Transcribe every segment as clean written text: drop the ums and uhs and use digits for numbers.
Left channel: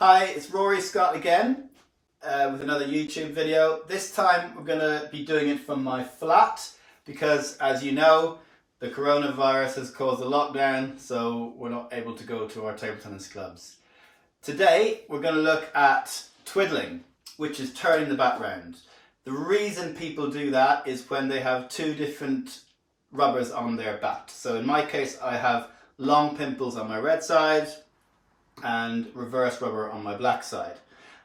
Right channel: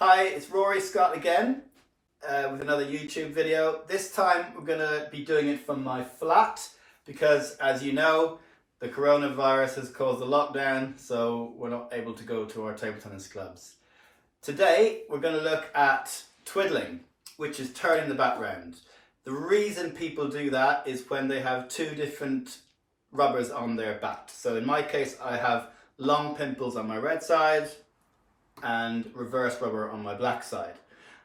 Hi, it's Rory Scott again with another YouTube video. This time we're going to be doing it from my flat because, as you know, the coronavirus has caused a lockdown, so we're not able to go to our table tennis clubs. Today we're going to look at twiddling, which is turning the bat round. The reason people do that is when they have two different rubbers on their bat. So in my case I have long pimples on my red side and reverse rubber on my black side.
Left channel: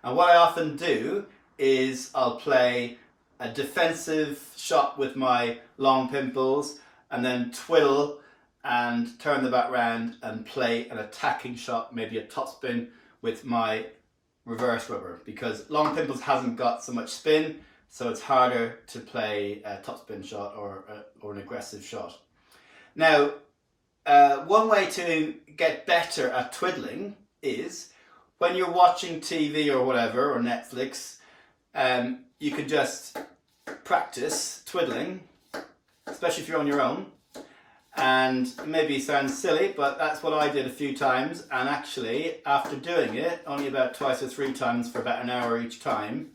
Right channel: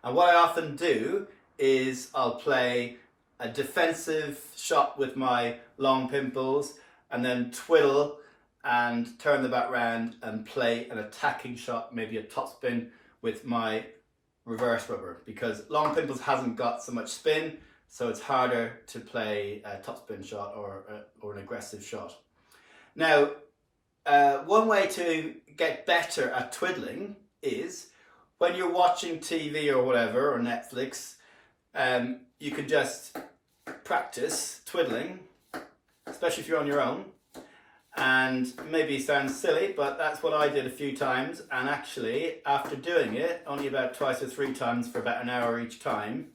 And what I often do is I'll play a defensive shot with my long pimples and then twiddle and turn the bat round and play an attacking shot, maybe a topspin with my reverse rubber, because long pimples hasn't got so much spin, so it's harder to play a topspin shot or an aggressive shot. Now, one way to get better at twiddling is when you're watching TV or whatever, or Netflix, you can just practice twiddling, especially if you're on your own. And maybe it sounds silly, but that's what I did a few times. And actually, after doing it, only about twice or three times for about an hour each time,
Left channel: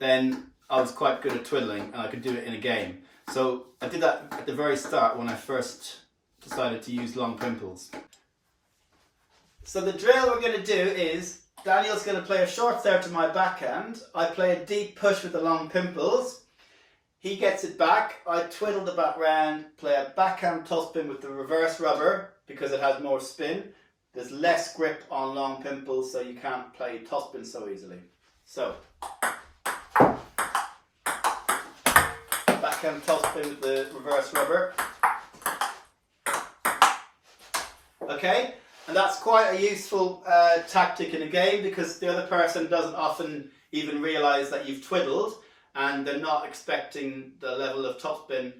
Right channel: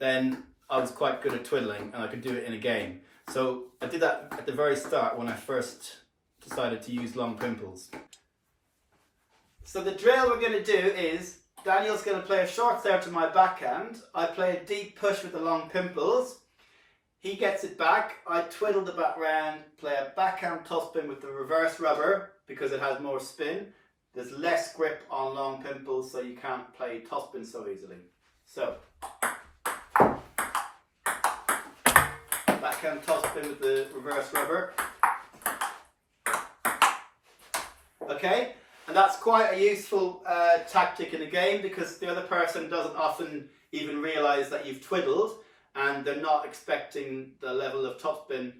then I was quite good at twiddling and I could do it in a game. So I did that at the very start when I first decided to use long pimples. So the drill we're going to do is Daniel's going to play a short serve to my backhand. I play a deep push with the long pimples. He gets it back. I twiddle the bat round, play a backhand topspin with the reverse rubber because it has more spin. There's less grip on long pimples, so you can't play topspin so easily. So, backhand topspin with the reverse rubber. Okay? And that's quite a useful tactic in a game because the other person doesn't often even realise that you've twiddled and they're not expecting the level of topspin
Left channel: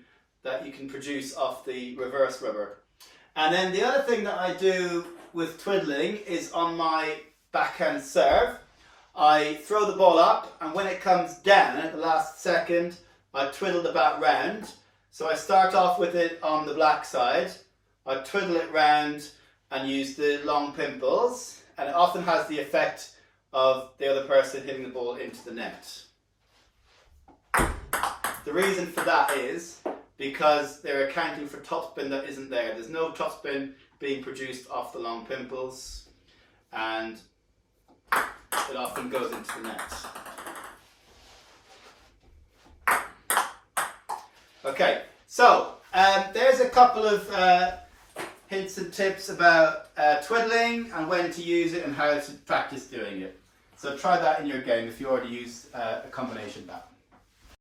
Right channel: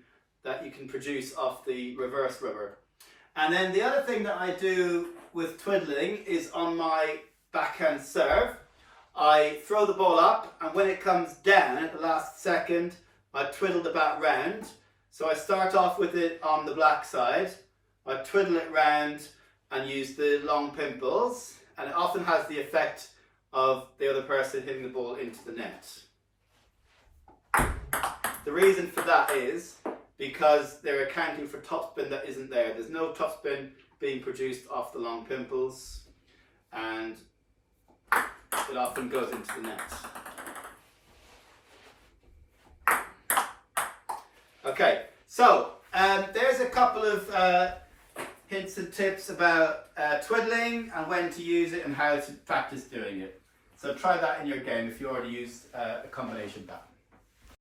that you can produce off the reverse rubber. And then the other thing that I do with twiddling is on my backhand serve, I throw the ball up and when it comes down at the last second, I twiddle the bat round. So I start off with it on the black side, I twiddle it round and use the long pimples, and it often has the effect of the other person hitting the ball into the net. The reason for that is because they're accounting for topspin that isn't there. There's no topspin being produced off the long pimples, and it often goes into the net. Okay, so there's a couple of hints and tips about twiddling and when to use it and how to practice doing it. So try that in your game if you already use a combination bat.